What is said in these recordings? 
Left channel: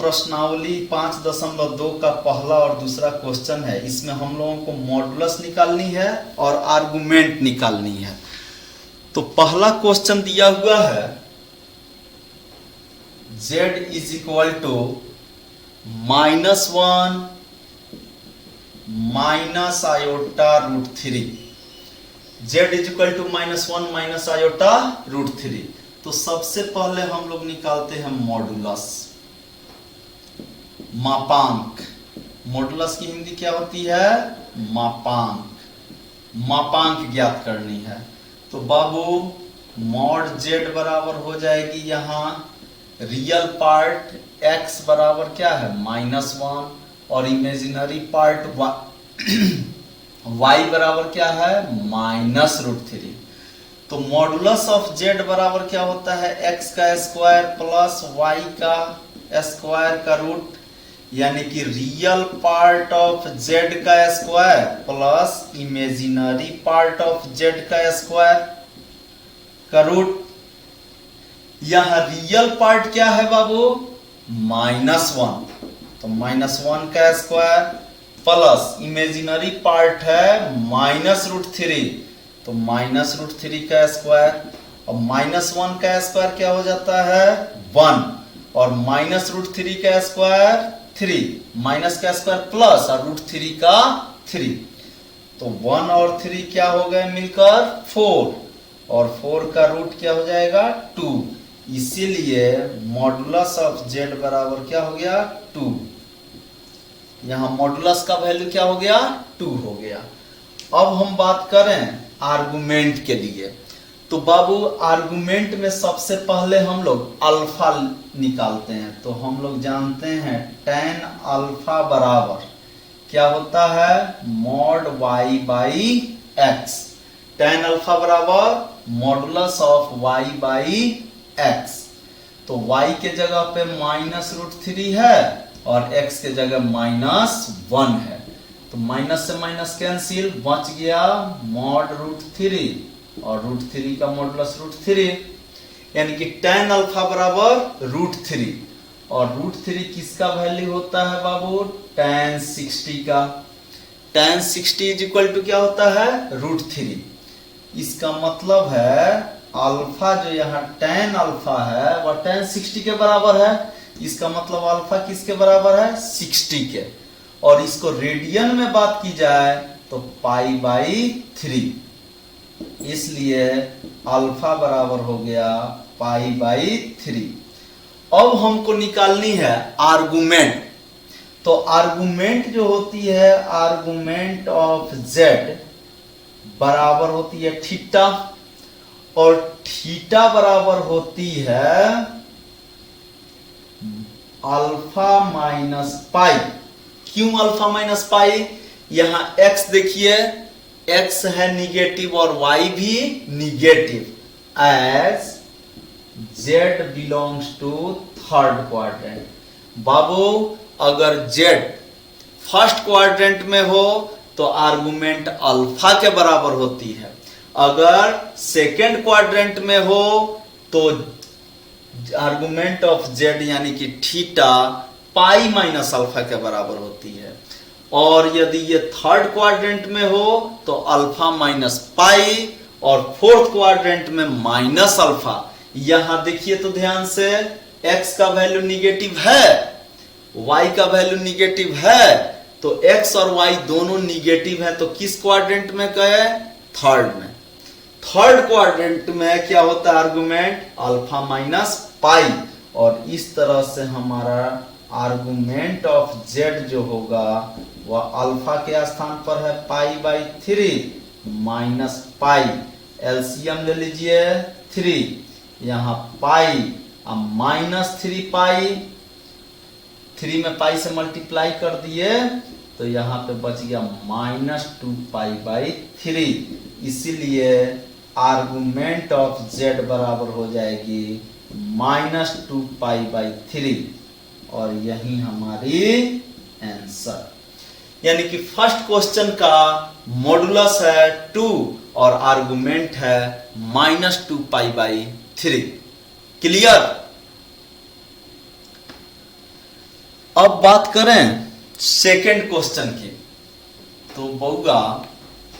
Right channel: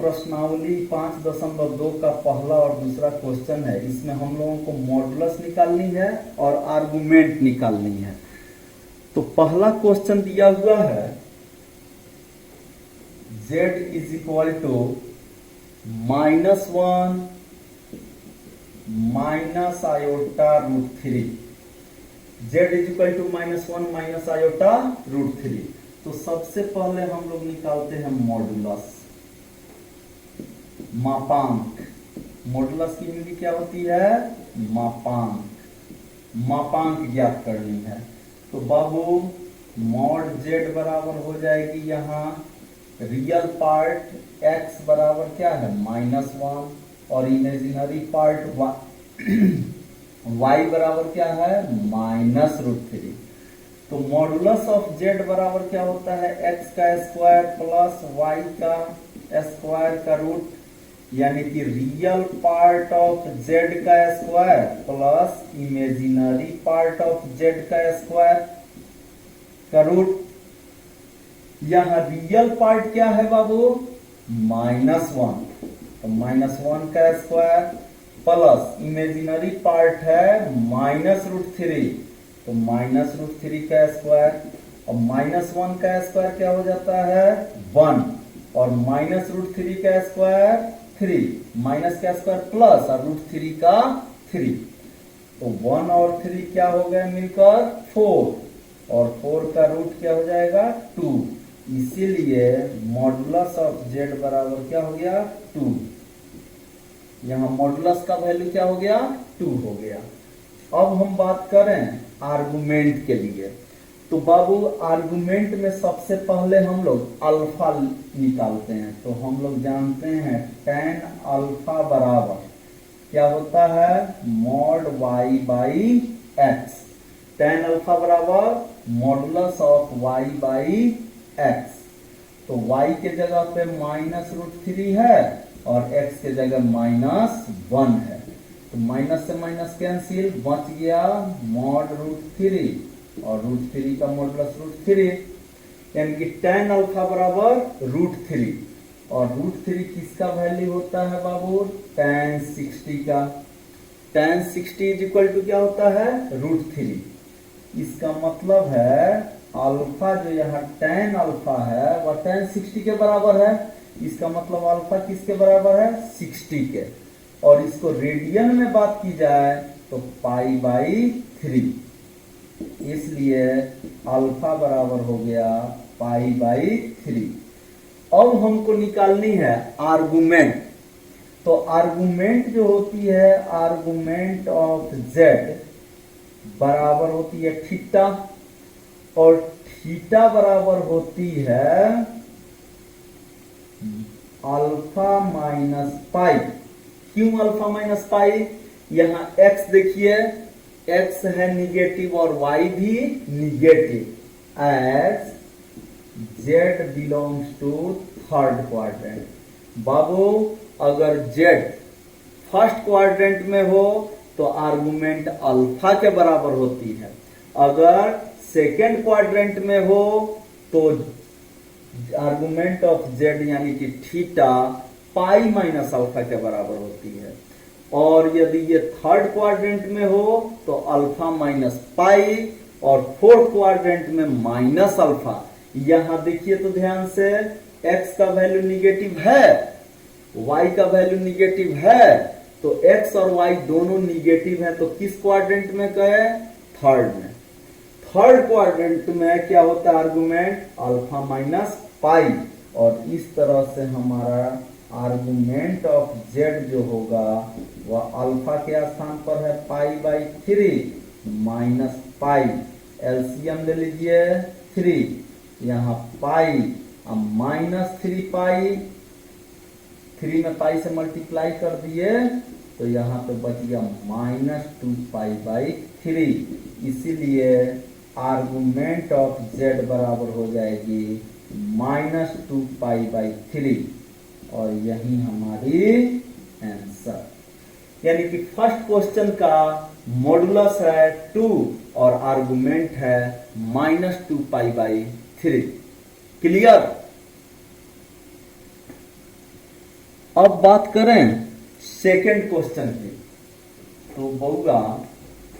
प्रश्नावली 5.2 का पहला और दूसरा क्वेश्चन है। इसमें हम लोगों को मॉडुलस निकालनी है और आर्गुमेंट निकालनी है। तो पहला क्वेश्चन दिया हुआ है z is equal to -1 minus iota √3। z is equal to -1 minus iota √3। तो सबसे पहले हम लोग निकालते हैं मॉडुलस, मापांक। मॉडुलस की हिंदी क्या होती है? मापांक। मापांक ज्ञात करनी है। तो बाबू मॉड z बराबर हो जाएगी यहां रियल पार्ट x बराबर क्या है -1 और इमेजिनरी पार्ट y बराबर क्या है -√3। तो मॉडुलस ऑफ z बराबर क्या होता है? x का स्क्वायर प्लस y का स्क्वायर का रूट, यानी कि रियल पार्ट ऑफ z का square plus imaginary part of z का स्क्वायर का रूट। यहां रियल पार्ट क्या है बाबू? -1, तो -1 का स्क्वायर प्लस इमेजिनरी पार्ट है -√3, तो -√3 का स्क्वायर। और -1 का स्क्वायर क्या हो जाता है? 1, और -√3 का स्क्वायर 3, माइनस का स्क्वायर प्लस और √3 का 3, तो 1 और 3 क्या हो गए मिलकर 4, और 4 का रूट क्या हो जाएगा 2। इसीलिए मॉडुलस ऑफ z बराबर क्या हो गया 2। यहां मॉडुलस का वैल्यू क्या हो गया 2 हो गया। अब हम बात करें आर्गुमेंट के लिए। तो बाबू आर्गुमेंट में सबसे पहले हम लोग अल्फा निकालते हैं। तो हम लोग जानते हैं tan अल्फा बराबर क्या होता है? Mod y by x। tan alpha बराबर modulus of y by x। तो y के जगह पे -√3 है और x के जगह -1 है, तो माइनस से माइनस कैंसिल, बच गया मॉड √3 और √3 का मॉडुलस √3, यानी कि tan अल्फा बराबर √3, और √3 किसका वैल्यू होता है बाबू? tan 60 का। tan 60 इज इक्वल टू क्या होता है? √3। इसका मतलब है अल्फा जो यहाँ tan अल्फा है वह tan 60 के बराबर है। इसका मतलब अल्फा किसके बराबर है? 60 के। और इसको रेडियन में बात की जाए तो π/3, इसलिए अल्फा बराबर हो गया π/3। अब हमको निकालनी है आर्गुमेंट। तो आर्गुमेंट जो होती है, आर्गुमेंट ऑफ z बराबर होती है थीटा, और थीटा बराबर होती है अल्फा माइनस पाई। क्यों अल्फा माइनस पाई? यहां x देखिए, x है निगेटिव और y भी negative, as z belongs to third quadrant. बाबू अगर z फर्स्ट क्वाड्रेंट में हो तो आर्गुमेंट अल्फा के बराबर होती है, अगर सेकेंड क्वाड्रेंट में हो तो आर्गुमेंट ऑफ z यानी कि थीटा पाई माइनस अल्फा के बराबर होती है, और यदि ये थर्ड क्वाड्रेंट में हो तो अल्फा माइनस पाई, और फोर्थ क्वाड्रेंट में माइनस अल्फा। यहां देखिए तो ध्यान से, x का वैल्यू निगेटिव है, y का वैल्यू निगेटिव है, तो x और y दोनों निगेटिव है, तो किस क्वाड्रेंट में गए? थर्ड में। थर्ड क्वाड्रेंट में क्या होता है आर्गुमेंट? अल्फा माइनस पाई, और इस तरह से हमारा आर्गुमेंट ऑफ z जो होगा वह अल्फा के स्थान पर है π/3 माइनस पाई। एलसीएम ले लीजिए 3, यहां पाई -3 पाई, 3 में पाई से मल्टीप्लाई कर दिए तो यहां पे बच गया -2 π/3। इसीलिए आर्गुमेंट ऑफ z बराबर हो जाएगी -2 π/3, और यही हमारी आंसर। यानी कि फर्स्ट क्वेश्चन का मॉडुलस है 2 और आर्गुमेंट है -2 π/3। क्लियर? अब बात करें सेकेंड क्वेश्चन की, तो बउआ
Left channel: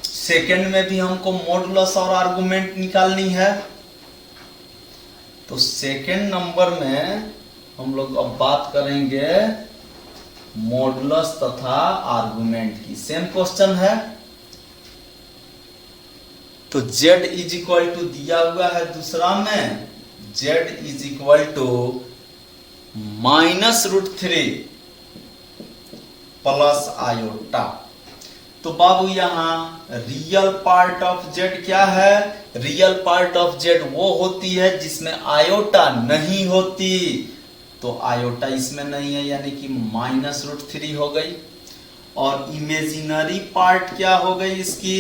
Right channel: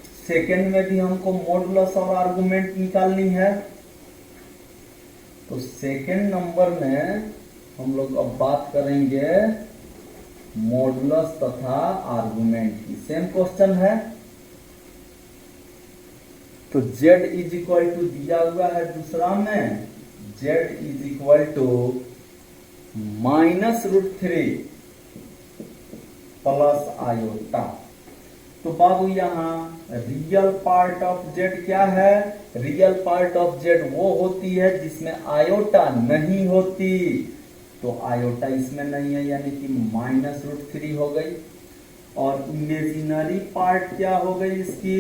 सेकेंड में भी हमको मॉडुलस और आर्गुमेंट निकालनी है। तो सेकेंड नंबर में हम लोग अब बात करेंगे मॉडुलस तथा आर्गुमेंट की। सेम क्वेश्चन है। तो z इज इक्वल टू दिया हुआ है दूसरा में, z is equal to -√3 plus iota. तो बाबू यहां रियल पार्ट ऑफ z क्या है? रियल पार्ट ऑफ z वो होती है जिसमें आयोटा नहीं होती। तो आयोटा इसमें नहीं है, यानी कि -√3 हो गई। और इमेजिनरी पार्ट क्या हो गई इसकी?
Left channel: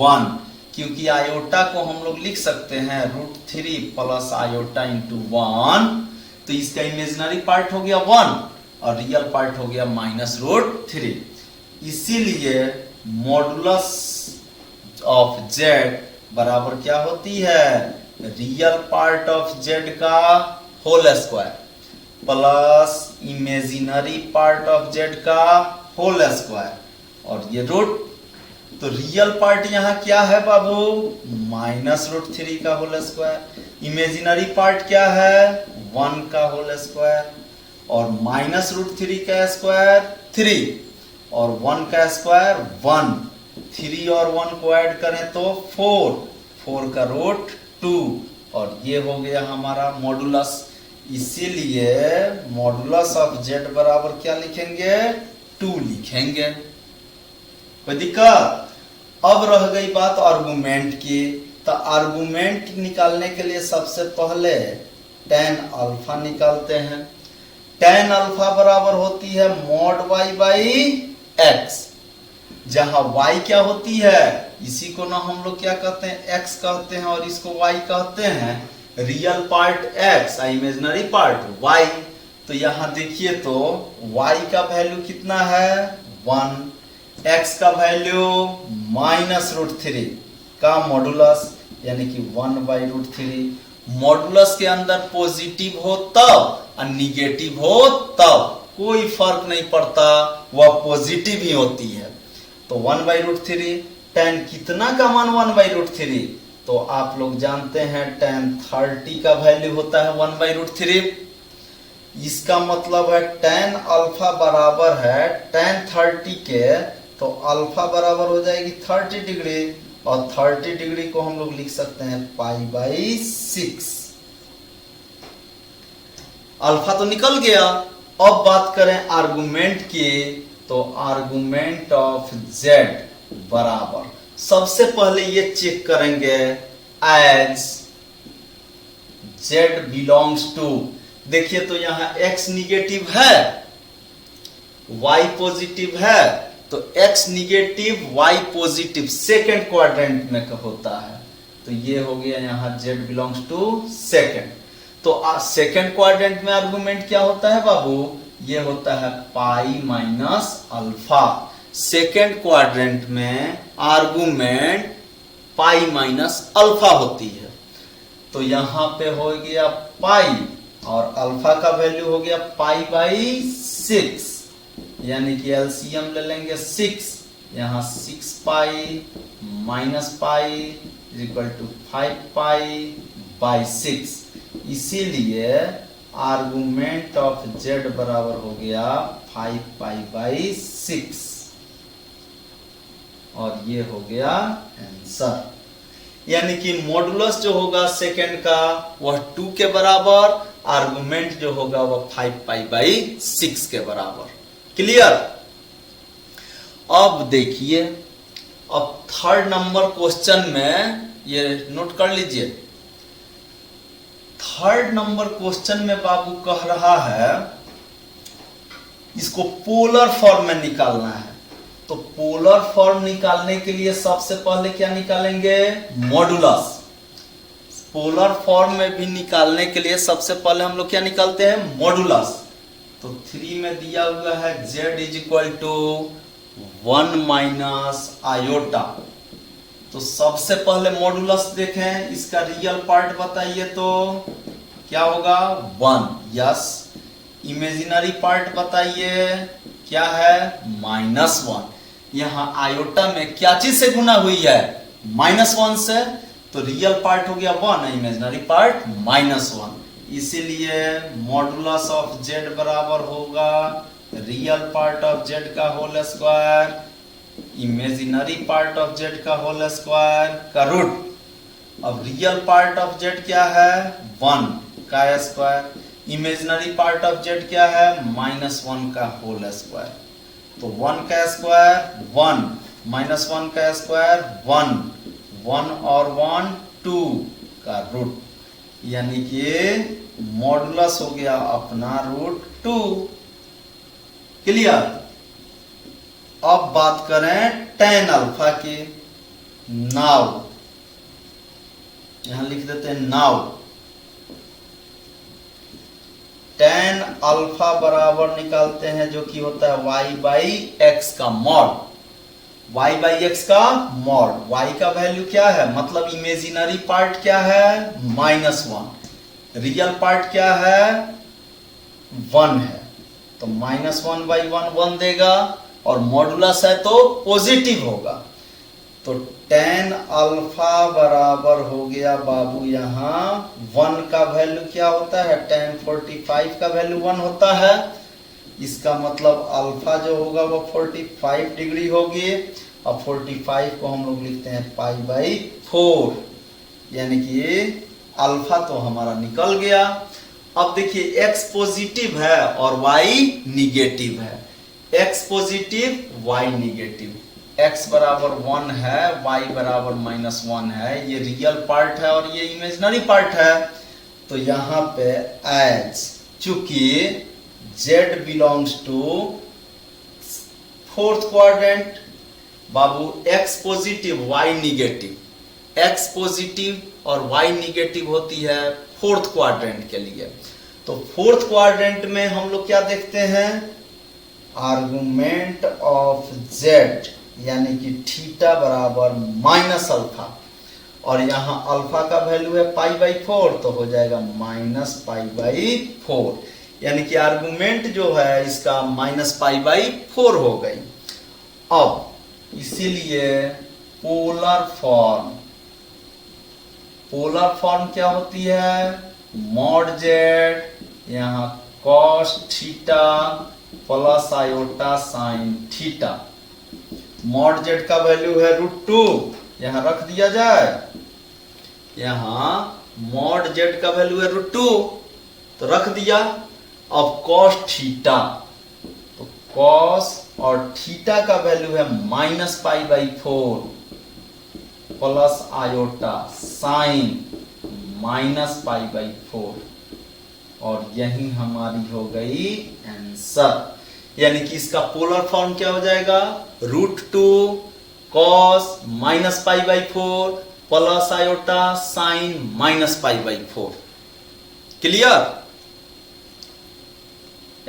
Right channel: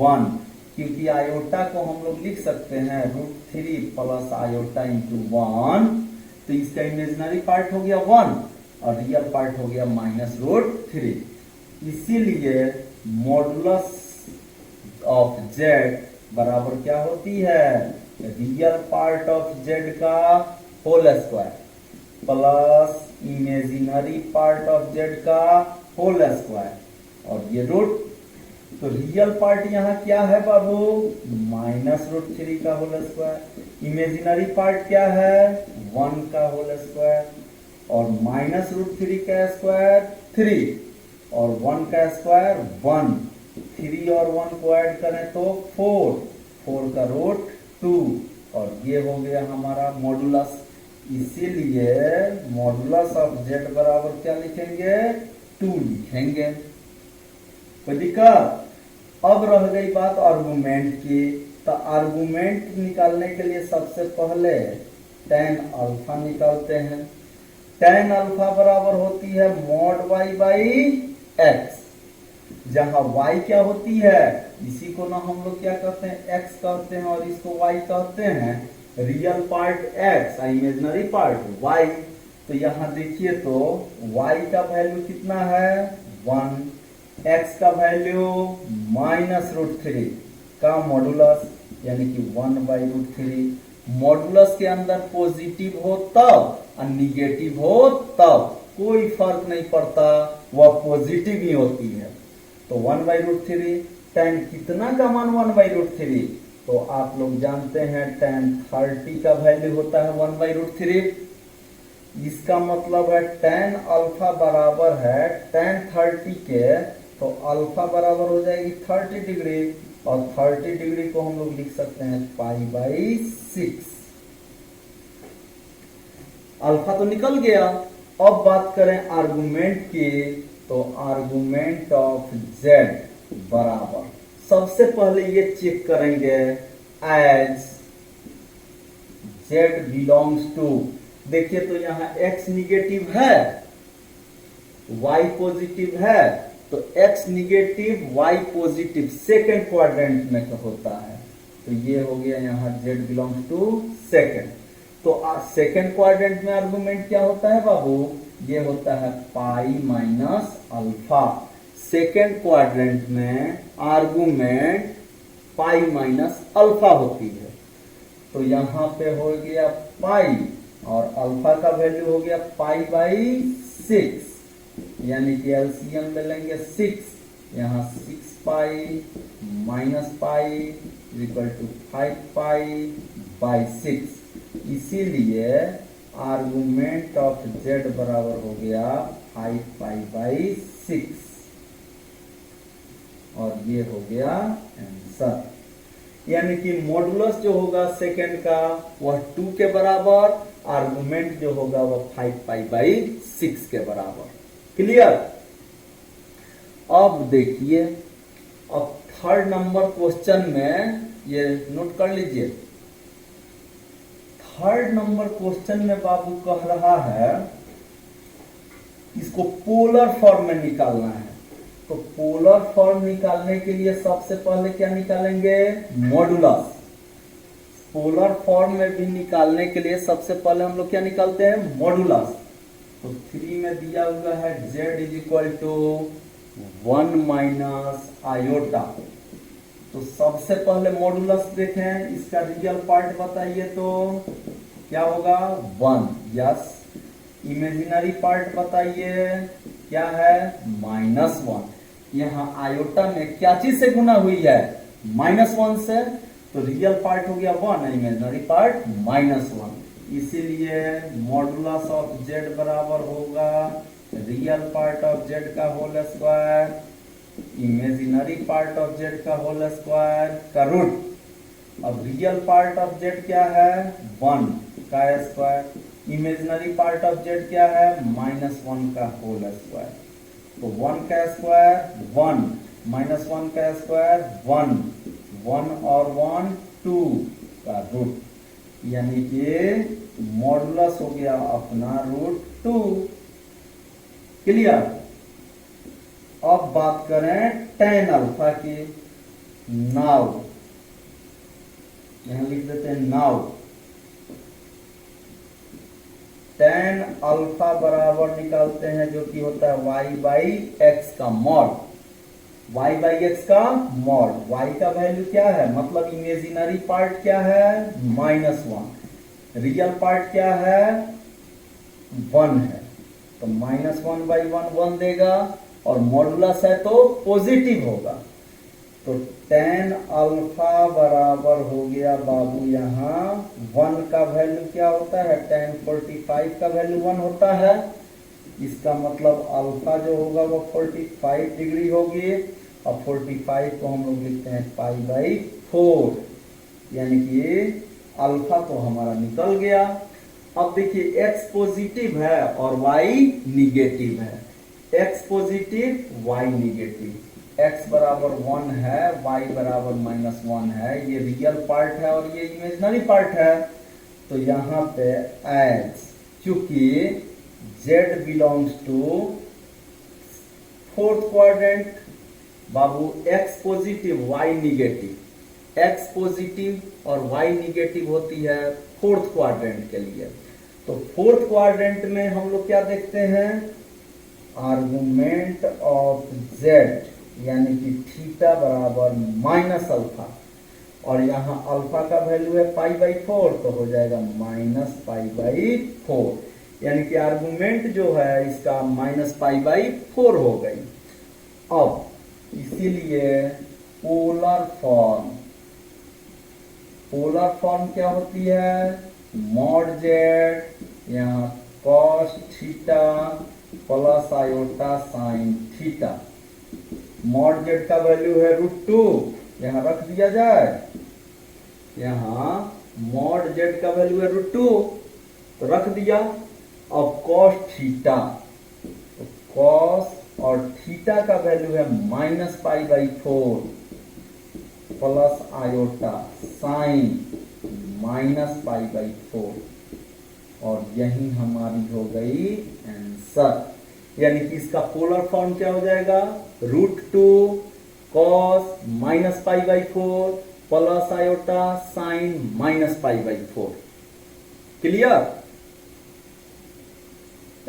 1, क्योंकि आयोटा को हम लोग लिख सकते हैं √3 प्लस आयोटा इंटू 1। तो इसका इमेजिनरी पार्ट हो गया 1 और रियल पार्ट हो गया -√3। इसीलिए मॉडुलस ऑफ z बराबर क्या होती है? रियल पार्ट ऑफ z का whole square plus imaginary part of z का होल स्क्वायर और ये रूट। तो रियल पार्ट यहाँ क्या है बाबू? -√3 का होल स्क्वायर। इमेजिनरी पार्ट क्या है? 1 का होल स्क्वायर। और -√3 का स्क्वायर 3 और 1 का स्क्वायर 1। 3 और 1 को ऐड करें तो 4 का रूट 2 और ये हो गया हमारा मॉडुलस। इसीलिए मॉडुलस ऑफ z बराबर क्या लिखेंगे? 2 लिखेंगे। कोई दिक्कत? अब रह गई बात आर्गुमेंट की। तो आर्गुमेंट निकालने के लिए सबसे पहले tan अल्फा निकालते हैं। tan अल्फा बराबर होती है mod y बाई x, जहां y क्या होती है? इसी को ना हम लोग क्या कहते हैं? x कहते हैं और इसको y कहते हैं। रियल पार्ट x और इमेजिनरी पार्ट y। तो यहां देखिए तो y का वैल्यू कितना है? 1। x का वैल्यू -√3 का मॉडुलस यानी कि 1/√3। मॉडुलस के अंदर पॉजिटिव हो तब और निगेटिव हो तब कोई फर्क नहीं पड़ता, वह पॉजिटिव ही होती है। तो 1/√3। tan कितना का मान 1/√3? तो आप लोग जानते हैं tan 30 का वैल्यू होता है 1/√3। इसका मतलब है tan अल्फा बराबर है tan 30 के, तो अल्फा बराबर हो जाएगी 30 डिग्री और 30 डिग्री को हम लोग लिख सकते हैं π/6। अल्फा तो निकल गया। अब बात करें आर्गुमेंट की, तो आर्गुमेंट ऑफ z बराबर सबसे पहले ये चेक करेंगे एज z बिलोंग्स टू। देखिए तो यहां x निगेटिव है, y पॉजिटिव है, तो x negative y positive second quadrant में होता है। तो ये हो गया यहां z बिलोंग्स टू सेकंड। तो सेकंड क्वाड्रेंट में आर्गुमेंट क्या होता है बाबू? ये होता है पाई माइनस अल्फा। सेकंड क्वाड्रेंट में आर्गुमेंट पाई माइनस अल्फा होती है। तो यहां पे हो गया पाई और अल्फा का वैल्यू हो गया π/6, यानी कि एलसीएम ले लेंगे 6। यहां 6 pi minus pi equal to 5 π/6। इसीलिए आर्गुमेंट ऑफ z बराबर हो गया 5 π/6 और ये हो गया आंसर। यानी कि मॉडुलस जो होगा सेकंड का वह 2 के बराबर, आर्गुमेंट जो होगा वह 5 π/6 के बराबर। क्लियर? अब देखिए, अब थर्ड नंबर क्वेश्चन में ये नोट कर लीजिए। थर्ड नंबर क्वेश्चन में बाबू कह रहा है इसको पोलर फॉर्म में निकालना है। तो पोलर फॉर्म निकालने के लिए सबसे पहले क्या निकालेंगे? मॉडुलस। पोलर फॉर्म में भी निकालने के लिए सबसे पहले हम लोग क्या निकालते हैं? मॉडुलस। तो 3 में दिया हुआ है z is equal to 1 minus iota. तो सबसे पहले मॉडुलस देखें, इसका रियल पार्ट बताइए तो क्या होगा? 1। यस। इमेजिनरी पार्ट बताइए क्या है, -1। यहाँ आयोटा में क्या चीज से गुना हुई है, -1 से, तो रियल पार्ट हो गया 1, इमेजिनरी पार्ट -1। इसीलिए मॉडुलस ऑफ जेड बराबर होगा रियल पार्ट ऑफ जेड का whole square imaginary part of Z का होल स्क्वायर का रूट। अब रियल पार्ट ऑफ जेड क्या है, 1 का square, imaginary part of Z क्या है, -1 का होल स्क्वायर। तो 1 का स्क्वायर 1, -1 का स्क्वायर 1, 1 और 1 2 का रूट, यानी कि मॉडुलस हो गया अपना √2। क्लियर। अब बात करें tan अल्फा की। नाउ यहां लिख देते हैं नाउ tan अल्फा बराबर निकालते हैं जो कि होता है y/x का मॉड, y/x का मॉड। y का वैल्यू क्या है, मतलब इमेजिनरी पार्ट क्या है, -1, रियल पार्ट क्या है, 1 है, तो -1/1 1 देगा, और मॉडुलस है तो पॉजिटिव होगा। तो tan अल्फा बराबर हो गया बाबू यहाँ 1 का वैल्यू क्या होता है, tan 45 का वैल्यू 1 होता है। इसका मतलब अल्फा जो होगा वो 45 डिग्री होगी, और 45 को हम लोग लिखते हैं π/4, यानी कि अल्फा तो हमारा निकल गया। अब देखिए x पॉजिटिव है और y निगेटिव है, x positive y negative, x बराबर 1 है, y बराबर -1 है, ये रियल पार्ट है और ये इमेजिनरी पार्ट है। तो यहाँ पे एज चूंकि z belongs to 4th quadrant, बाबू x positive y negative, x positive और y निगेटिव होती है 4th क्वाड्रेंट के लिए। तो 4th क्वाड्रेंट में हम लोग क्या देखते हैं, आर्गुमेंट ऑफ z यानी कि थीटा बराबर -अल्फा, और यहाँ अल्फा का वैल्यू है π/4, तो हो जाएगा -π/4, यानी कि आर्गुमेंट जो है इसका -π/4 हो गई। अब इसीलिए पोलर फॉर्म क्या होती है, मॉड जेड यहाँ cos theta plus iota sine theta, mod Z का वैल्यू है √2, यहां रख दिया जाए, यहां मॉड जेड का वैल्यू है √2 तो रख दिया। अब cos थीटा, तो cos और थीटा का वैल्यू है -π/4 प्लस आयोटा साइन -π/4, और यही हमारी हो गई आंसर। यानी कि इसका पोलर फॉर्म क्या हो जाएगा, √2 cos -π/4 plus iota sine -π/4। Clear,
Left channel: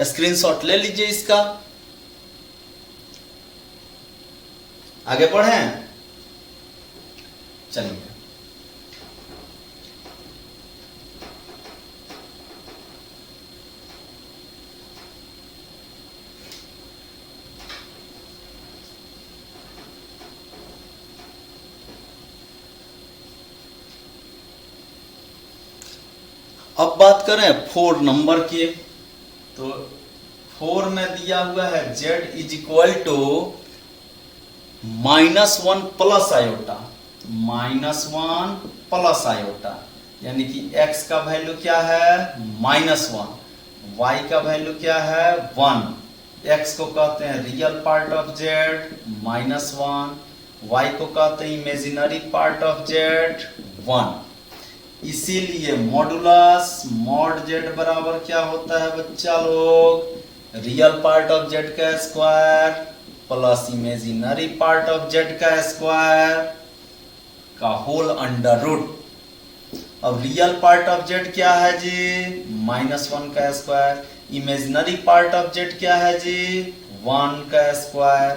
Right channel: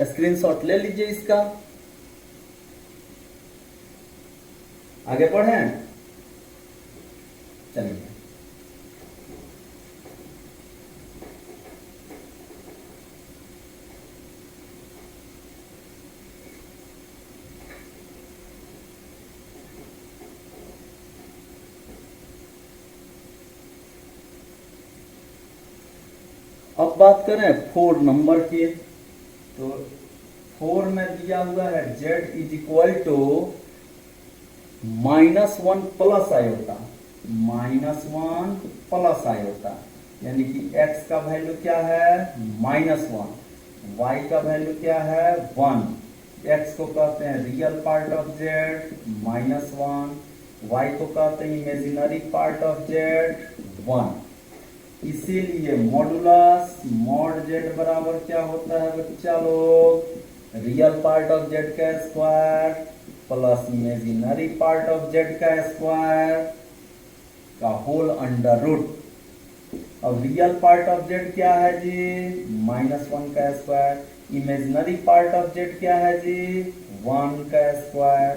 screenshot ले लीजिए इसका। आगे बढ़ें, चलिए अब बात करें 4 नंबर की। तो 4 में दिया हुआ है z = -1 plus iota, -1 plus iota, यानी कि x का वैल्यू क्या है, -1, y का वैल्यू क्या है, 1, x को कहते हैं real part of z -1, y को कहते हैं इमेजिनरी पार्ट ऑफ z 1। इसीलिए मॉडुलस मॉड जेड बराबर क्या होता है बच्चा लोग, रियल पार्ट ऑफ जेड का square plus imaginary part of Z का स्क्वायर का होल अंडर रूट। अब रियल पार्ट ऑफ जेड क्या है जी, -1 का square, imaginary part of Z क्या है जी, 1 का स्क्वायर।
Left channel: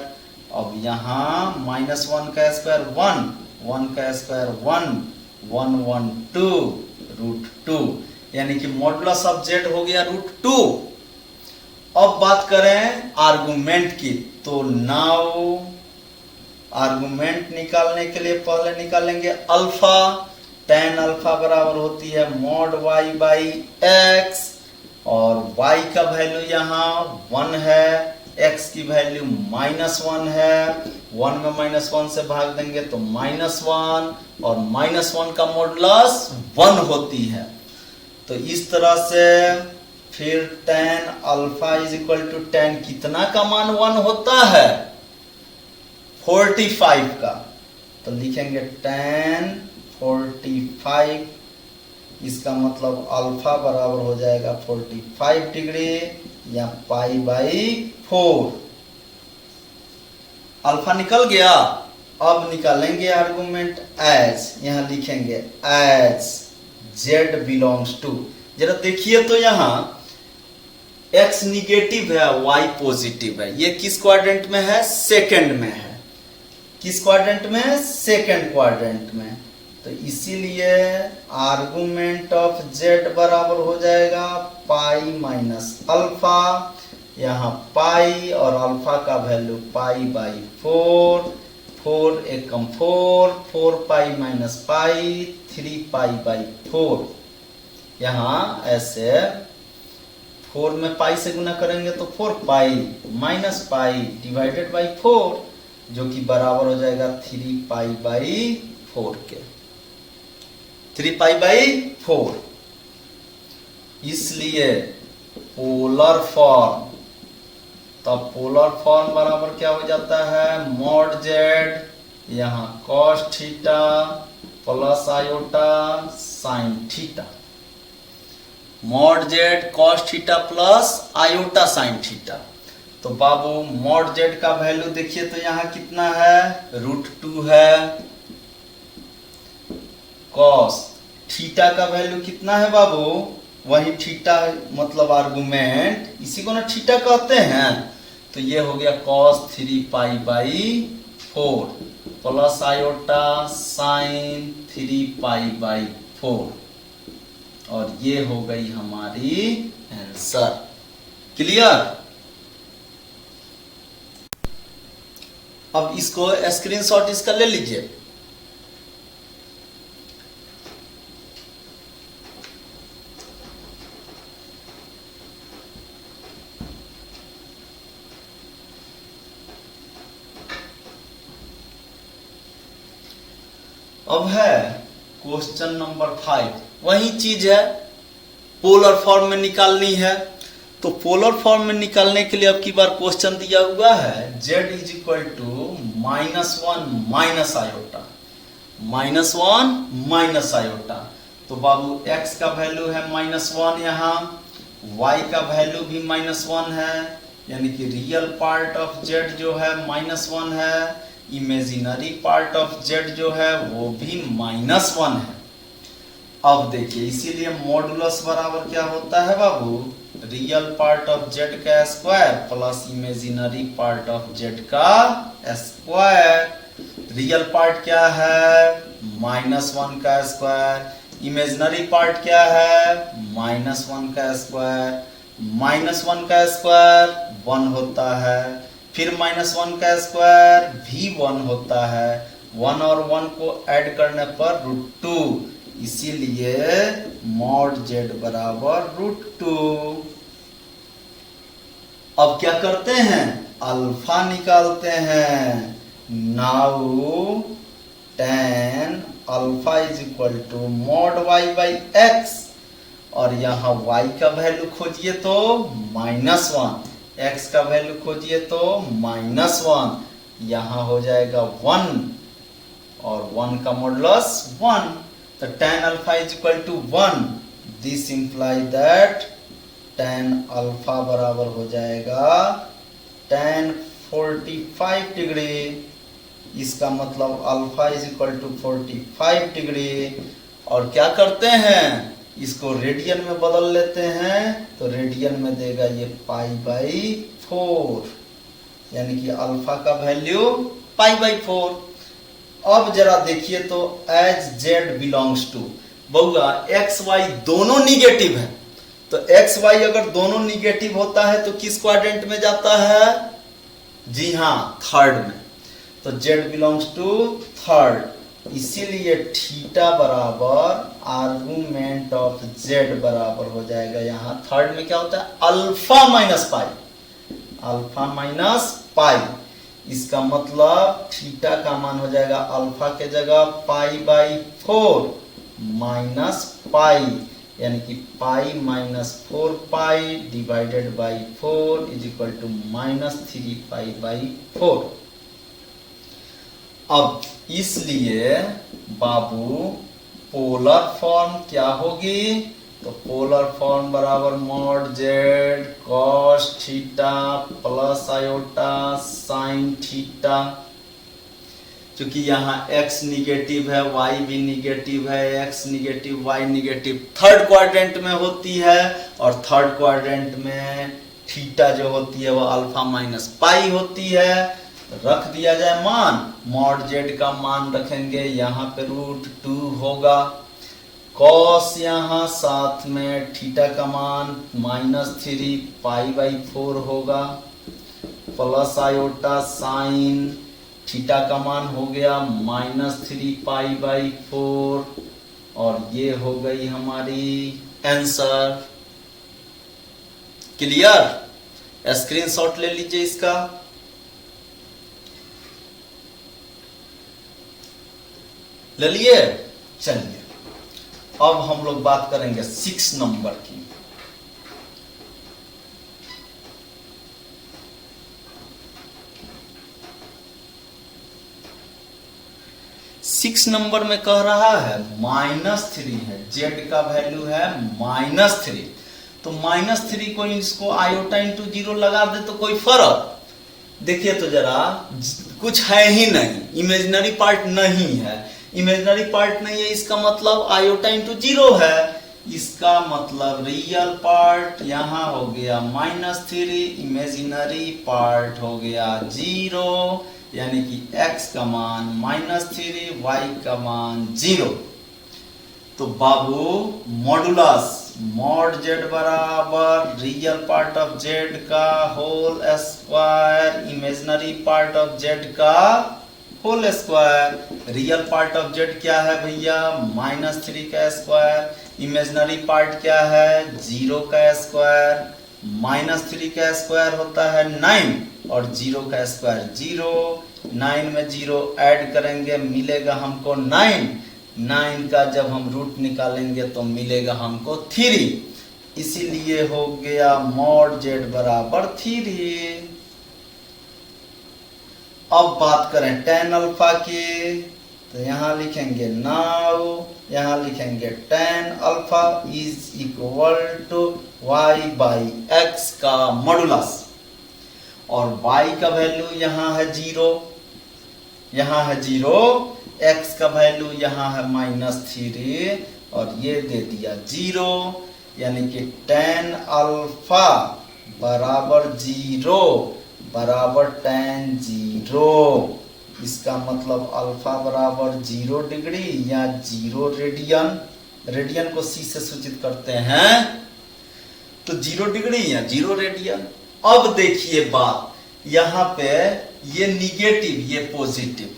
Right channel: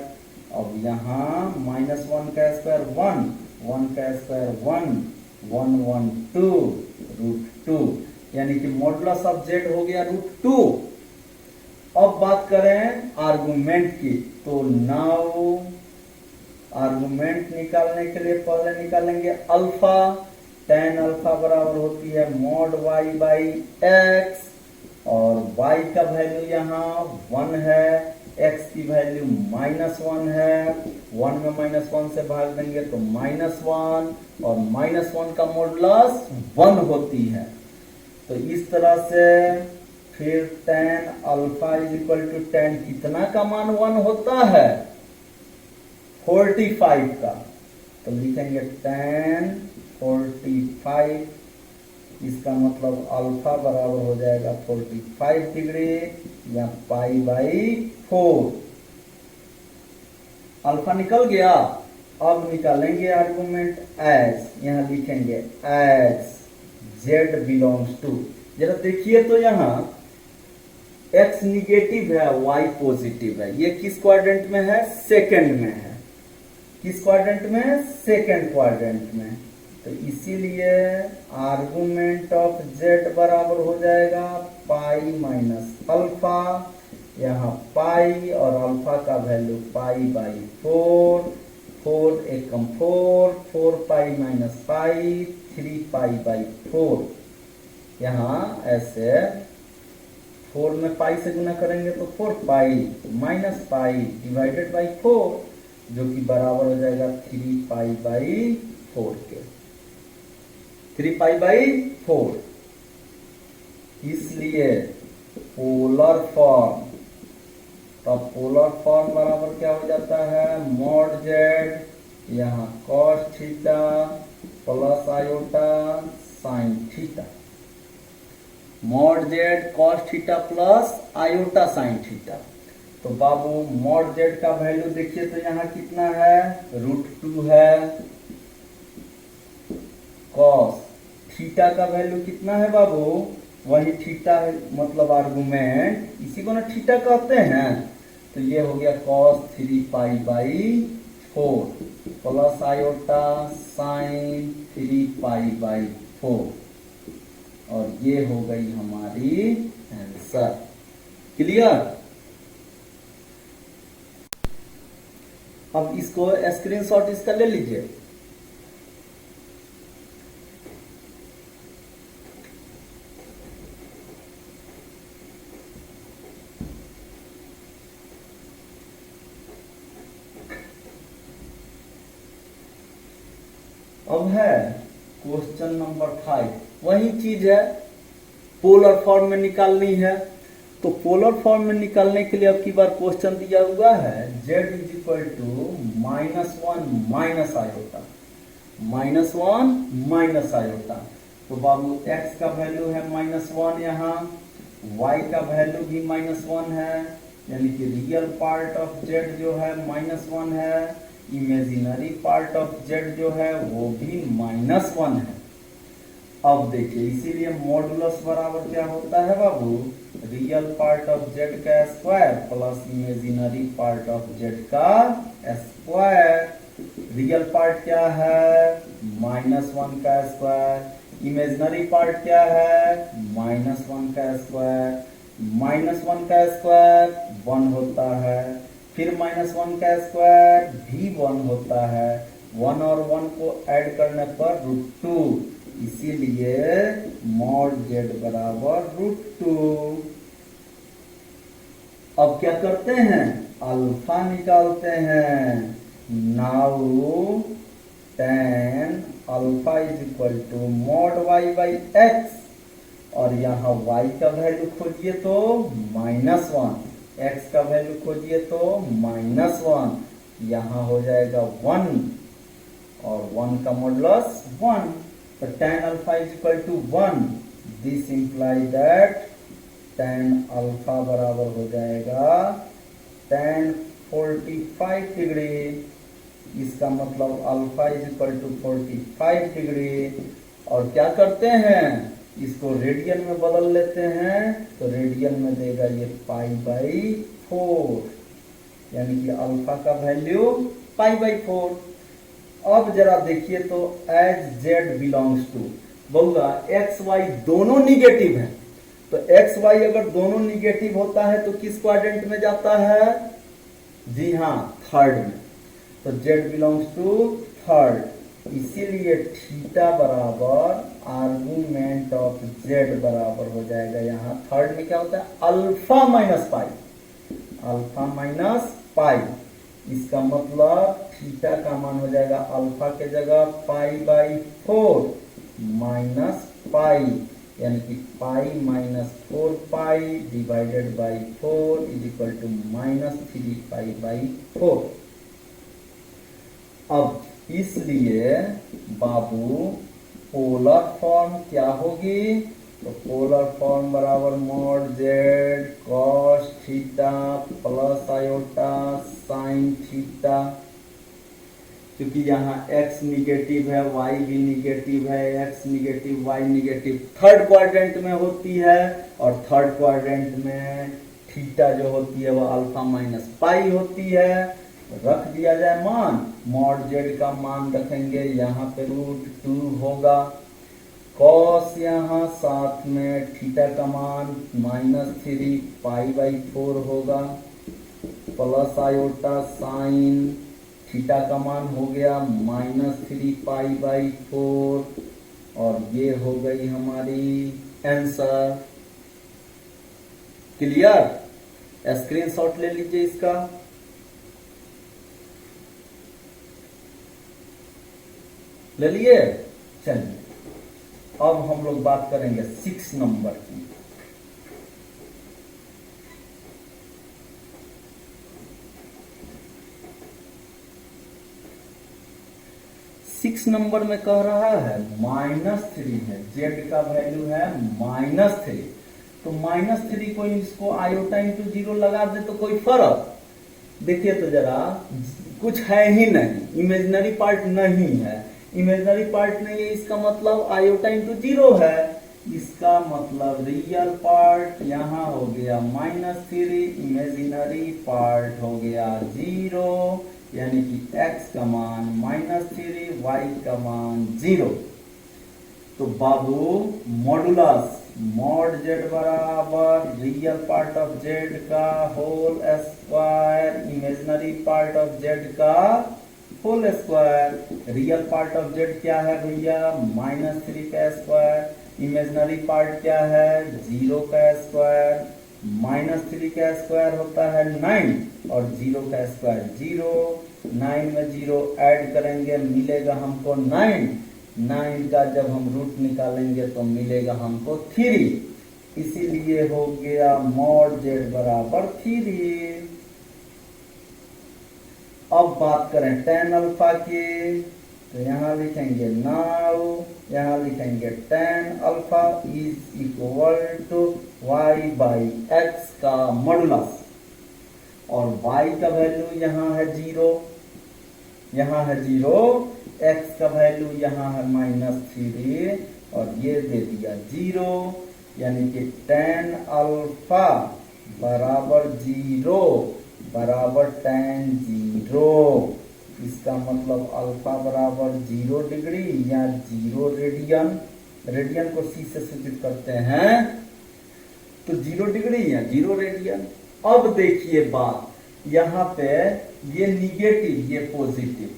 अब यहाँ -1 का स्क्वायर 1, 1 का स्क्वायर 1, 1 1 2 √2, यानी कि मॉडुलस ऑफ जेड हो गया √2। अब बात करें आर्गुमेंट की, तो नाउ आर्गुमेंट निकालने के लिए पहले निकालेंगे अल्फा। tan अल्फा बराबर होती है मॉड y बाई एक्स, और y का वैल्यू यहाँ 1 है, x की वैल्यू -1 है। 1 में -1 से भाग देंगे तो -1, और -1 का मॉडुलस 1 होती है। तो इस तरह से फिर tan alpha is equal to tan कितना का मान 1 होता है? 45 का। तो लिखेंगे tan 45, इसका मतलब अल्फा बराबर हो जाएगा 45 डिग्री या पाई बाई 4। अल्फा निकल गया। अब निकालेंगे आर्गुमेंट एज, यहां लिखेंगे एज z बिलोंग्स टू। जरा देखिए तो यहां x निगेटिव है, y पॉजिटिव है। ये किस क्वाड्रेंट में है? सेकंड में है। किस क्वाड्रेंट में? सेकंड क्वाड्रेंट में। तो इसीलिए आर्गुमेंट ऑफ z बराबर हो जाएगा पाई माइनस अल्फा, यहाँ पाई और अल्फा का value pi by 4, 4 Ekam 4, 4 pi minus pi, 3 pi by 4। यहाँ ऐसे 4 में पाई से गुना करेंगे तो 4 पाई माइनस पाई डिवाइडेड बाई 4, जो कि बराबर हो जाएगा 3 पाई बाई 4 के। 3 पाई बाई 4। इसलिए पोलर फॉर्म, तब पोलर फॉर्म बराबर क्या हो जाता है? मॉड जेड यहाँ cos theta plus iota sine theta. Mod Z cos theta plus iota sine theta. तो बाबू मॉड जेड का वैल्यू देखिए तो यहाँ कितना है? √2 है। कॉस थीटा का वैल्यू कितना है बाबू? वही थीटा मतलब आर्गुमेंट, इसी को ना थीटा कहते हैं। तो ये हो गया cos 3 pi by 4 plus iota sign 3 pi by 4, और ये हो गई हमारी आंसर। क्लियर? अब इसको स्क्रीनशॉट इसका ले लीजिए। अब है क्वेश्चन नंबर 5, वही चीज है, पोलर फॉर्म में निकालनी है। तो पोलर फॉर्म में निकालने के लिए अब की बार क्वेश्चन दिया हुआ है z is equal to -1 minus iota, -1 minus iota. तो बाबू x का वैल्यू है -1, यहाँ y का वैल्यू भी -1 है, यानी कि रियल पार्ट ऑफ z जो है -1 है, इमेजिनरी पार्ट ऑफ z जो है वो भी -1 है। अब देखिए, इसीलिए मॉडुलस बराबर क्या होता है बाबू? रियल पार्ट ऑफ z का square plus imaginary part of z का स्क्वायर। रियल पार्ट क्या है? -1 का स्क्वायर। इमेजिनरी पार्ट क्या है? -1 का स्क्वायर। -1 का स्क्वायर 1 होता है, फिर -1 का स्क्वायर भी 1 होता है। 1 और 1 को ऐड करने पर √2, इसीलिए मॉड z बराबर √2। अब क्या करते हैं? अल्फा निकालते हैं। Now tan alpha is equal to mod y by x, और यहाँ y का वैल्यू खोजिए तो -1, x का वैल्यू खोजिए तो -1, यहाँ हो जाएगा 1, और 1 का मॉडुलस 1। तो tan alpha is equal to 1। This imply that tan alpha बराबर हो जाएगा tan 45 डिग्री। इसका मतलब alpha is equal to 45 degree. और क्या करते हैं? इसको रेडियन में बदल लेते हैं, तो रेडियन में देगा ये π/4, यानी कि अल्फा का वैल्यू π/4। अब जरा देखिए तो एज z बिलोंग्स टू, बउआ x y दोनों निगेटिव है, तो एक्स वाई अगर दोनों निगेटिव होता है तो किस क्वाड्रेंट में जाता है? जी हाँ, थर्ड में। तो जेड बिलोंग्स टू थर्ड, इसीलिए थीटा बराबर आर्गुमेंट ऑफ जेड बराबर हो जाएगा यहाँ थर्ड में क्या होता है? Alpha minus pi, alpha minus pi. इसका मतलब थीटा का मान हो जाएगा अल्फा के जगह पाई बाई 4 माइनस पाई, यानी कि pi minus 4 pi divided by 4 is equal to minus 3 pi by 4। अब इसलिए बाबू पोलर फॉर्म क्या होगी? तो पोलर फॉर्म बराबर mod Z cos theta plus iota sine theta. क्योंकि यहाँ x निगेटिव है, y भी निगेटिव है, x negative y negative third quadrant में होती है, और थर्ड क्वाड्रेंट में थीटा जो होती है वो अल्फा माइनस पाई होती है। रख दिया जाए मान, मॉड जेड का मान रखेंगे यहाँ पे √2 होगा, कॉस यहाँ साथ में थीटा का मान -3 पाई बाई 4 होगा, प्लस आयोटा साइन थीटा का मान हो गया -3 पाई बाई 4, और ये हो गई हमारी आंसर। क्लियर? स्क्रीनशॉट ले लीजिए इसका। ले लिए? चलिए अब हम लोग बात करेंगे 6 नंबर की। सिक्स नंबर में कह रहा है -3 है, जेड का वैल्यू है -3। तो -3 को इसको आयोटा इंटू 0 लगा दे तो कोई फर्क? देखिए तो जरा, कुछ है ही नहीं, इमेजिनरी पार्ट नहीं है। इमेजिनरी पार्ट नहीं है इसका मतलब आयोटा इंटू 0 है, इसका मतलब रियल पार्ट यहाँ हो गया -3, इमेजिनरी पार्ट हो गया 0, यानी कि x का मान -3, y का मान 0। तो बाबू मॉडुलस मॉड जेड बराबर रियल पार्ट ऑफ जेड का whole square imaginary part of Z का whole square. Real part of Z क्या है भैया? -3 का स्क्वायर। इमेजिनरी पार्ट क्या है? 0 का स्क्वायर। -3 का स्क्वायर होता है 9 और 0 का स्क्वायर 0। 9 में 0 ऐड करेंगे मिलेगा हमको 9। 9 का जब हम रूट निकालेंगे तो मिलेगा हमको 3, इसीलिए हो गया मॉड जेड बराबर 3। अब बात करें tan अल्फा की, तो यहां लिखेंगे नाउ, यहां लिखेंगे tan alpha is equal to y by x का मॉडुलस, और y का वैल्यू यहां है 0, यहां है 0, x का वैल्यू यहां है -3 और ये दे दिया 0, यानी कि tan अल्फा बराबर 0 बराबर tan 0। इसका मतलब अल्फा बराबर 0 डिग्री या 0 रेडियन, रेडियन को c से सूचित करते हैं, तो 0 डिग्री या 0 रेडियन। अब देखिए बात, यहाँ पे ये निगेटिव ये पॉजिटिव,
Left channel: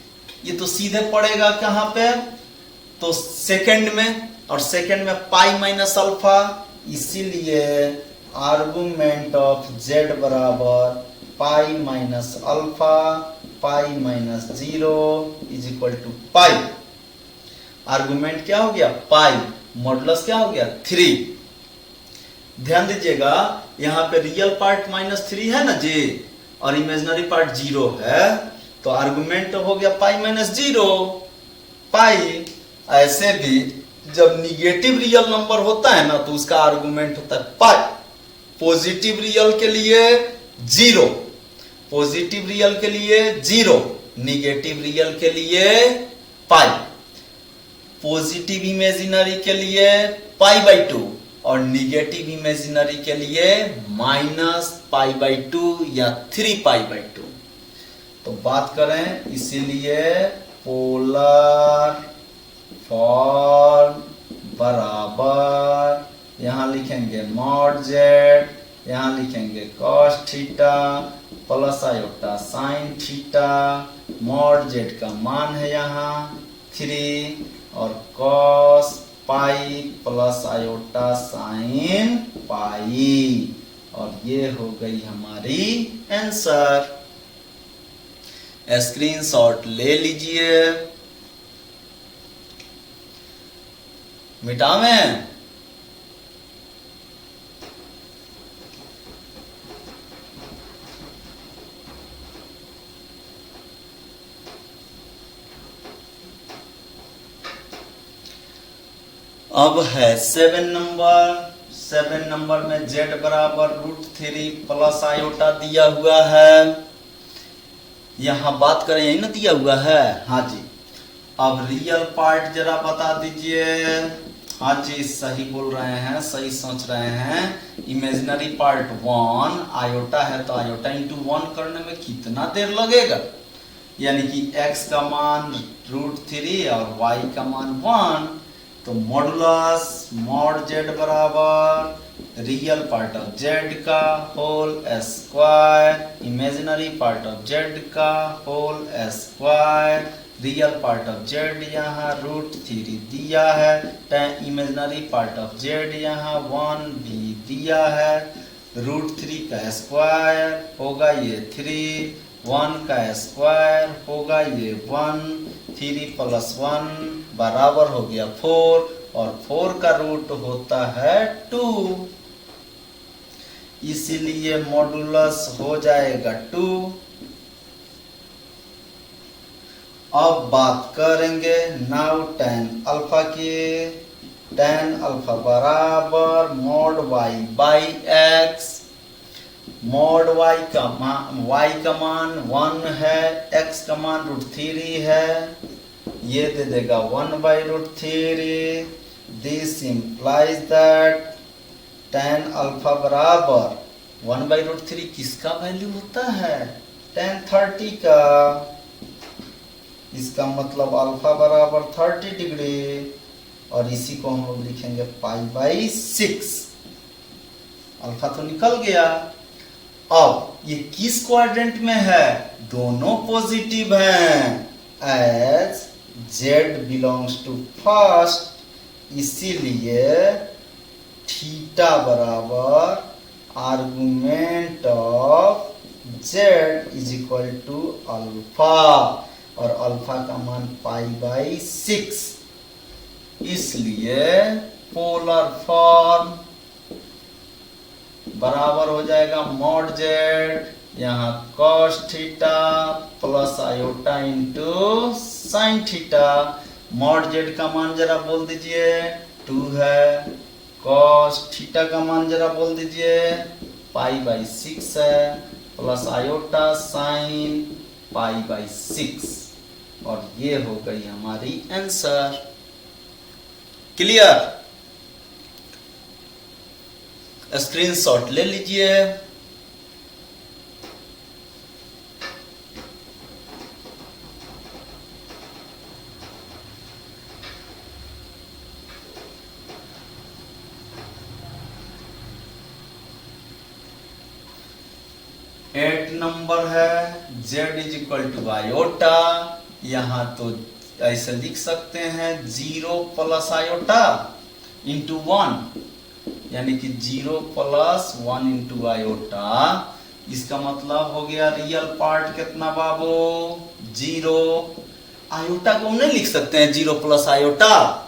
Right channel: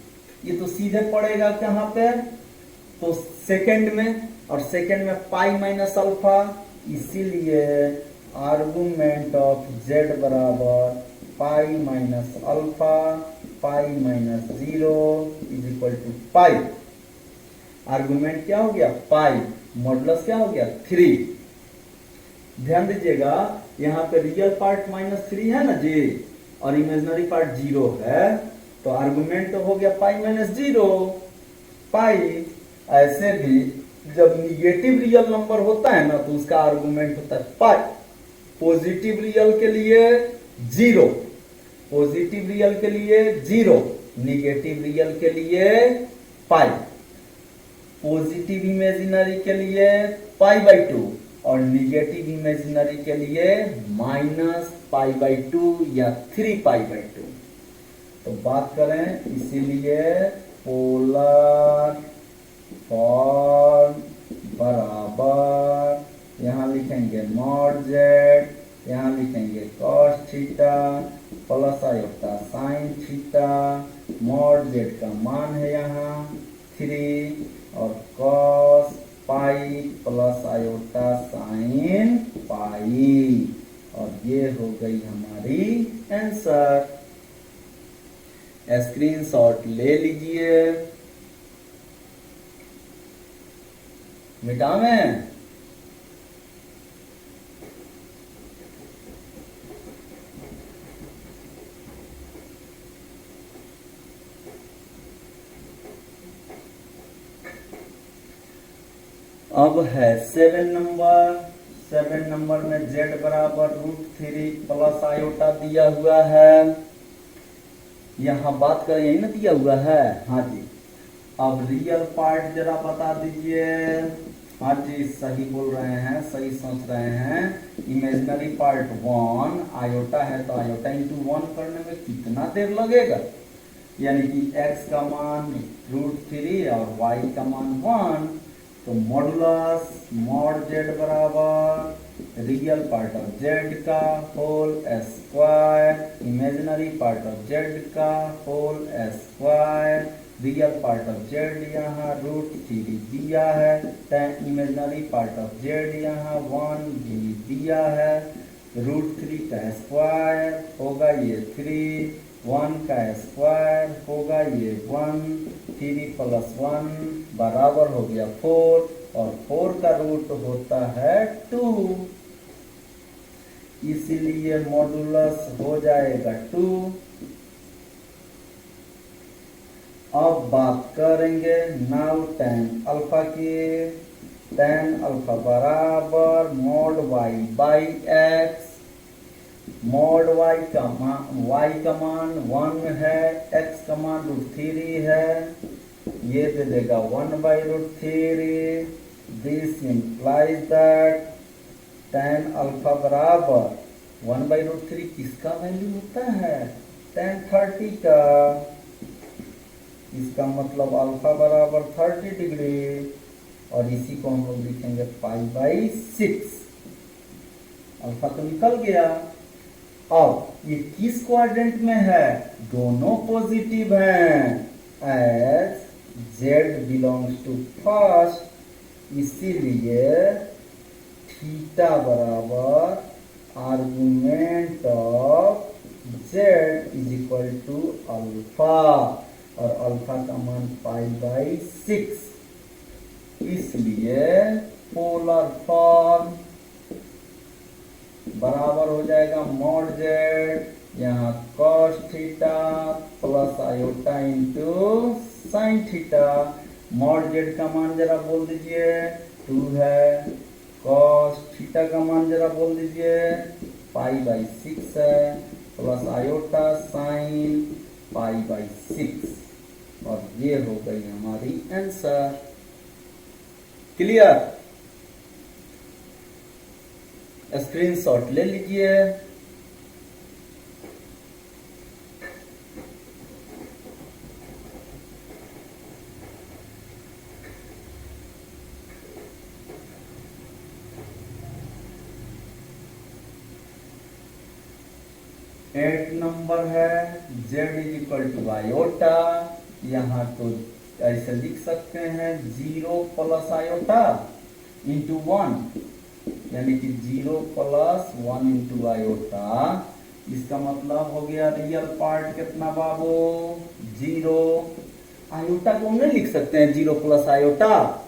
ये तो सीधे पड़ेगा कहां पे? तो सेकंड में, और सेकंड में पाई माइनस अल्फा, इसीलिए आर्गुमेंट ऑफ जेड बराबर pi minus alpha pi minus 0 is equal to pi. Argument क्या हो गया? पाई। मॉडुलस क्या हो गया? 3। ध्यान दीजिएगा, यहां पे रियल पार्ट -3 है ना जी, और इमेजिनरी पार्ट 0 है, तो आर्गुमेंट हो गया पाई माइनस 0 पाई। ऐसे भी जब निगेटिव रियल नंबर होता है ना तो उसका आर्गुमेंट होता है पाई। पॉजिटिव रियल के लिए 0, पॉजिटिव रियल के लिए 0, निगेटिव रियल के लिए पाई, पॉजिटिव इमेजिनरी के लिए पाई/2 और निगेटिव इमेजिनरी के लिए -पाई/2 या 3पाई/2। तो बात करें, इसीलिए पोलर फॉर्म बराबर यहाँ लिखेंगे मॉड जेड, यहाँ लिखेंगे cos theta plus iota sine theta. Mod Z का मान है यहाँ 3 और cos pi plus iota sine pi, और ये हो गई हमारी आंसर। स्क्रीनशॉट ले लीजिए। मिटावें? अब है 7 नंबर में z बराबर √3 प्लस आयोटा दिया हुआ है। यहाँ बात करें यही ना दिया हुआ है, हाँ जी। अब रियल पार्ट जरा बता दीजिए। हाँ जी, सही बोल रहे हैं, सही सोच रहे हैं। इमेजिनरी पार्ट 1 आयोटा है तो आयोटा इंटू 1 करने में कितना देर लगेगा, यानी कि x का मान √3 और y का मान 1, तो मॉडुलस मॉड z बराबर रियल पार्ट ऑफ z का whole square imaginary part of z का whole square. Real part of z यहाँ √3 दिया है, इमेजिनरी पार्ट ऑफ z यहाँ 1 भी दिया है। √3 का स्क्वायर होगा ये 3, 1 का स्क्वायर होगा ये 1, 3 + 1 बराबर हो गया 4, और 4 का रूट होता है 2, इसीलिए मॉडुलस हो जाएगा 2। अब बात करेंगे नाउ tan अल्फा की। tan अल्फा बराबर mod y by x। Mod y का मान 1 है, x का मान √3 है, ये दे देगा 1/√3। This implies that tan alpha बराबर 1/√3 किसका वैल्यू होता है, tan 30 का। इसका मतलब अल्फा बराबर 30 डिग्री, और इसी को हम लोग लिखेंगे π/6। अल्फा तो निकल गया। अब ये किस क्वाड्रेंट में है, दोनों पॉजिटिव हैं, as z belongs to first, इसीलिए थीटा बराबर आर्गुमेंट ऑफ z = अल्फा, और अल्फा का मान π/6, इसलिए पोलर फॉर्म बराबर हो जाएगा मॉड z यहाँ cos theta plus iota into sine theta. Mod z का मान जरा बोल दीजिए 2 है, cos थीटा का मान जरा बोल दीजिए π/6 है, प्लस आयोटा साइन π/6, और ये हो गई हमारी आंसर। क्लियर? स्क्रीनशॉट ले लीजिए। एट नंबर है z = आयोटा। यहाँ तो ऐसे लिख सकते हैं 0 + आयोटा इंटू 1, यानी कि 0 + 1 इंटू आयोटा। इसका मतलब हो गया रियल पार्ट कितना बाबू, 0। आयोटा को हम नहीं लिख सकते हैं 0 + आयोटा,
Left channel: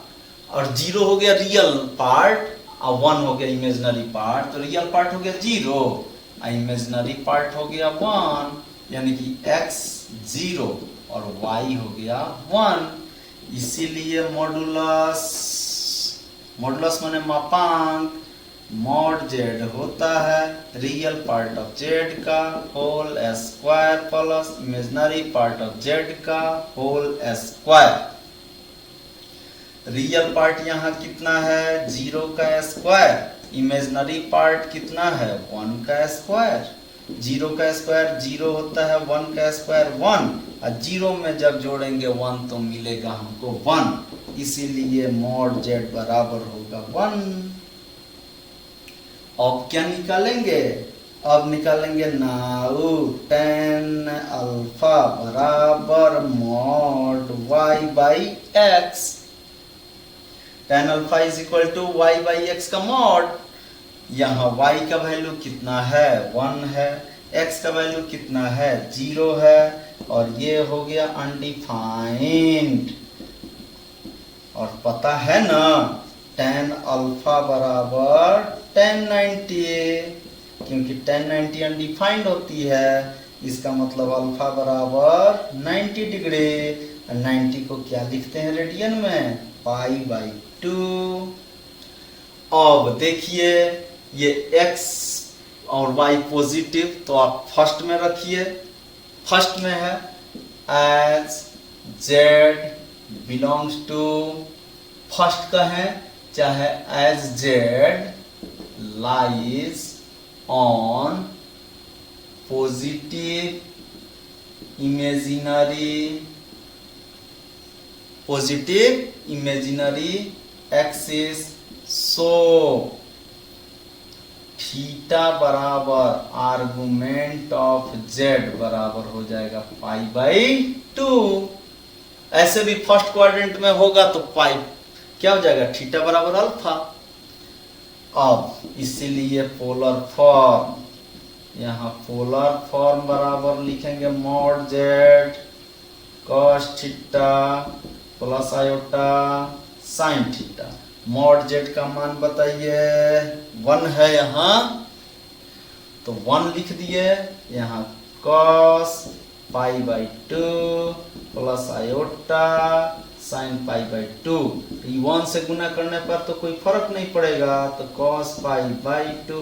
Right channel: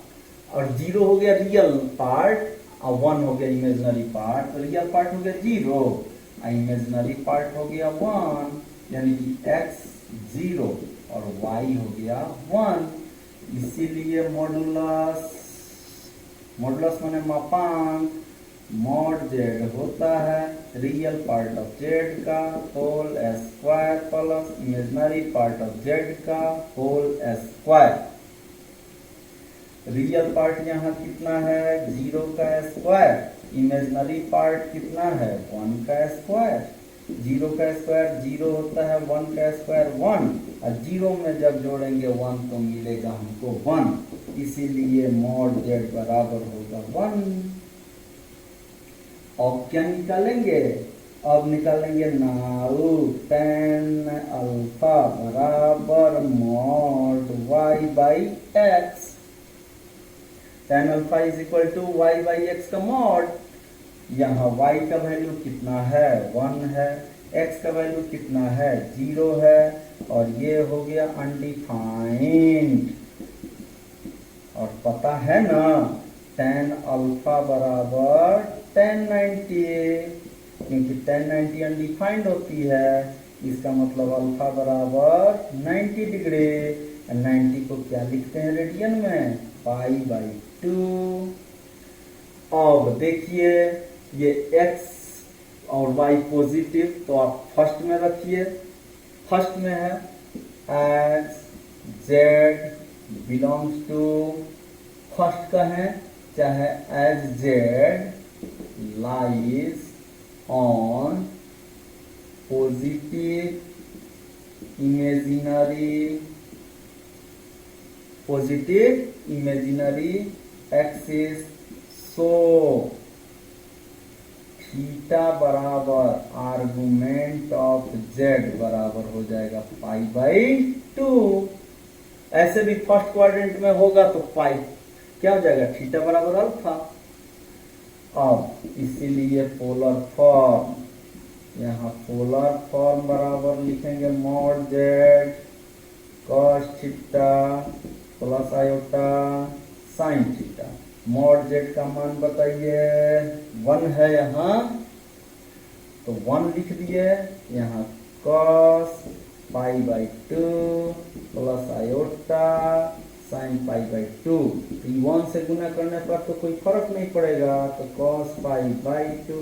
और 0 हो गया रियल पार्ट और 1 हो गया इमेजिनरी पार्ट, तो रियल पार्ट हो गया 0 और इमेजिनरी पार्ट हो गया 1, यानी कि x 0 और y हो गया 1। इसीलिए मॉडुलस माने मापांक, मॉड z होता है रियल पार्ट ऑफ z का whole square plus imaginary part of z का होल स्क्वायर। रियल पार्ट यहाँ कितना है, 0 का स्क्वायर, इमेजिनरी पार्ट कितना है, 1 का स्क्वायर। 0 का स्क्वायर 0 होता है, 1 का स्क्वायर 1, और 0 में जब जोड़ेंगे 1 तो मिलेगा हमको 1, इसीलिए मॉड z बराबर होगा 1। अब क्या निकालेंगे? अब निकालेंगे नाउ tan अल्फा बराबर mod y by x. tan alpha is equal to y by x का मॉड। यहाँ y का वैल्यू कितना है? 1 है। x का वैल्यू कितना है? 0 है। और ये हो गया अनडिफाइंड। और पता है ना tan अल्फा बराबर tan 90, क्योंकि tan 90 अनडिफाइंड होती है। इसका मतलब अल्फा बराबर 90 डिग्री। 90 को क्या लिखते हैं रेडियन में? Pi by 2। अब देखिए ये x और y पॉजिटिव, तो आप फर्स्ट में रखिए। फर्स्ट में है as z belongs to, first का है चाहे as z lies on positive imaginary axis, so theta बराबर आर्गुमेंट ऑफ z बराबर हो जाएगा पाई बाई 2। ऐसे भी फर्स्ट क्वाड्रेंट में होगा तो पाई क्या हो जाएगा? थीटा बराबर अल्फा। अब इसीलिए पोलर फॉर्म, यहाँ पोलर फॉर्म बराबर लिखेंगे mod z cos theta plus iota sine theta. Mod z का मान बताइए? 1 है यहाँ, तो 1 लिख दिए। यहाँ cos pi by 2 plus iota sine pi by 2। तो 1 से गुना करने पर तो कोई फर्क नहीं पड़ेगा, तो cos पाई बाई 2